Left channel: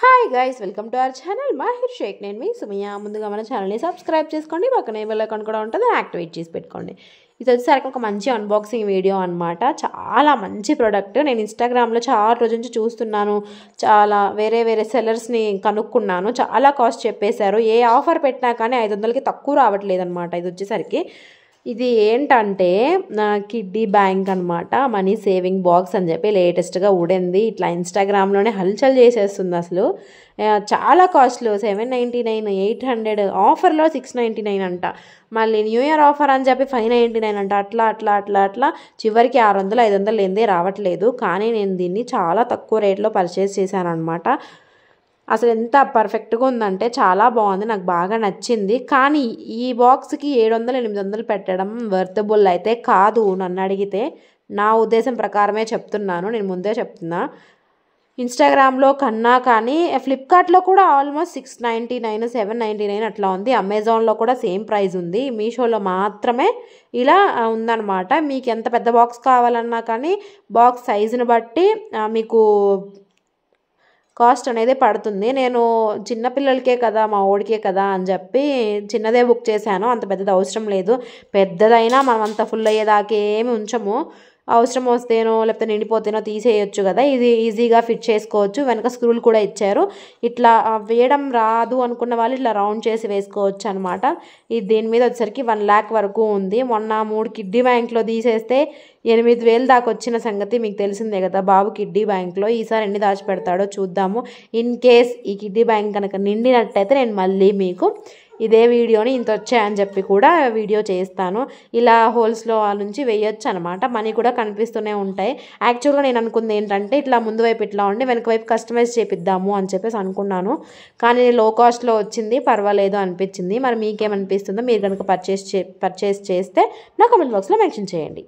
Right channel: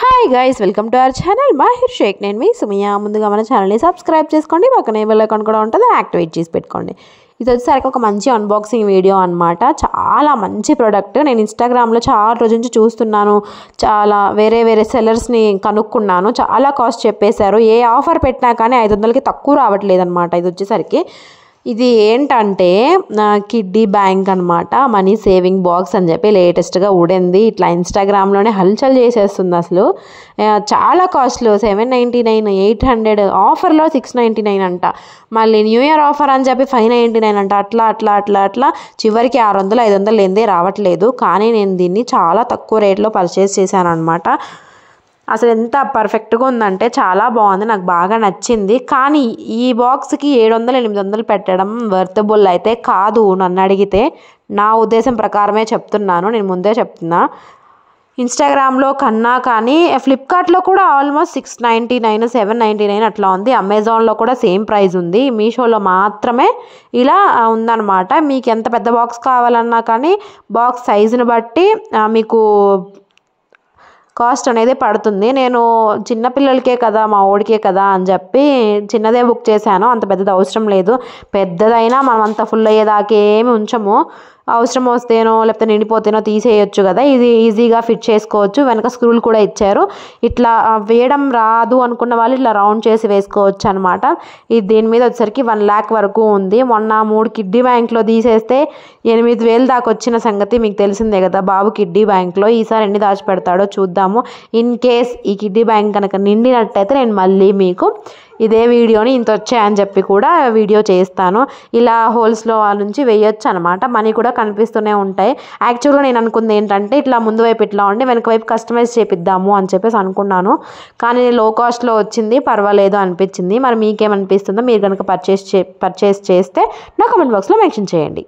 Hi guys, welcome to our channel Mahir Sheikh. నేను మీ సుమియా. ముందుగా మన ఛానల్ని సబ్స్క్రైబ్ చేసుకోండి, పక్కనే బెల్ ఐకాన్ కూడా ఉంటుంది, యాక్టివేట్ చేసి పెట్టుకోండి. ఇది వచ్చేసరికి ఒక మంచి అన్బాక్సింగ్ వీడియో అనమాట. చాలా మంచి ప్రోడక్ట్. నేను ఇన్స్టాగ్రామ్లో చాలా రోజు నుంచి చూస్తున్నాను, చాలా వేరే సెల్లర్స్ని కనుక్కున్నాను. చాలా కాస్ట్ చెప్పేశారు. ఏ ఆఫర్ పెట్టినా కానీ 500కి తక్కువ రావట్లేదు అనమాట. ఇది వచ్చేసరికి ఇది ఏంటంటే కిడ్డీ బ్యాంక్ అనమాట. మనీ సేవింగ్ బాక్స్ అని చెప్పి లేటెస్ట్గా ఊడింది. ఇట్లా ఇన్స్టాగ్రామ్లోనే హల్చల్ చేసేస్తుంది. అసలు చాలా కాస్ట్లు 799, 800, ఆఫర్లో 699 అంట. మళ్ళీ న్యూ ఇయర్ ఆఫర్ అని చెప్పి 599 అంట. అట్లా చివరికి 600, 500 ఏందే రావట్లేదు. కానీ నేను దీన్ని చాలా తక్కువ రేట్లో పర్చేస్ చేశాను అనమాట. అసలు ఎంత పర్ఫెక్ట్గా ఉందంటే చాలా బాగుంది, నాకు బాగా నచ్చింది. కానీ ఈ బాక్స్కి 700, 800 పెట్టడం వర్తబుల్ అయితే కాదు నన్ను అడిగితే. నా ఉద్దేశం ప్రకారమే చెప్తున్నాను, నేను ముందే చెప్తున్నా. ఇన్స్టాగ్రామ్లో కన్నా కానీ ఫ్లిప్కార్ట్లో కూడా ఆల్మోస్ట్ 699, 799 అట్లా ఉంది. అమెజాన్లో కూడా సేమ్ ప్రైస్ ఉంది. మీషోలో మాత్రమే ఇలా ఉందన్నమాట. మీకు ఎంత పెద్ద బాక్స్ కావాలన్నా కానీ బాక్స్ సైజుని బట్టి మీకు కాస్ట్ అనేది పడుతుంది. నేను చిన్నపిల్లలకే కదా, మా ఓడికే కదా అని చెప్పి చిన్నదే బుక్ చేశాను. అంత పెద్దది అవసరం లేదు. పెద్దదైనా మనం అంత ఫుల్ అయ్యేదాకా ఏమి ఉంచము. అవసరం వస్తేనో లేకపోతే నిండిపోతేనో తీసేయచ్చు కదా. ఇది ఈజీగా ఫిట్ చేసుకోవచ్చు. వెనక స్క్రూలు కూడా ఇచ్చారు. ఇట్లా వేయడం రాదు అనుకున్న వాళ్ళు ఇట్లా రౌండ్ చేసి వేసుకోవచ్చు అనమాట. ఇది దీని మీద వచ్చేసరికి 1 lakh వరకు ఉంది. మొన్న 3 కిడ్డీ బ్యాంక్లో తీసేస్తే 8,000 దాకా వచ్చిన సంగతి మీకు తెలిసిందే కదా. బాబు కిడ్డీ బ్యాంక్లో ఈసారి ఎన్ని దాచిపెడతాడో చూద్దాము. ఇన్ కేస్ ఈ కిడ్డీ బ్యాంక్ కనుక నిండినట్టయితే నేను మళ్ళీ మీకు ఇదే వీడియోని ఇంత వచ్చాయని చెప్పి కూడా వీడియో చేస్తాను. ఇలా హోల్స్లో నుంచి వేయొచ్చు అనమాట. మనీ కూడా కనిపిస్తూనే ఉంటాయి. యాక్చువల్గా నేను అనుకుంది ఏంటంటే ఇట్లా ముందు వైపు ఇట్లా ఉండి వెనక వైపు కస్టమైజ్ చేపిద్దాము అని చెప్పేసి అనుకున్నాను. కానీ లో కాస్ట్లో వచ్చింది, పర్వాలేదు అనిపించింది. మరి మీకేమనిపిస్తుందో, మీరు కనుక పర్చేస్ చేస్తే నా కామెంట్ బాక్స్లో మెన్షన్ చేయండి.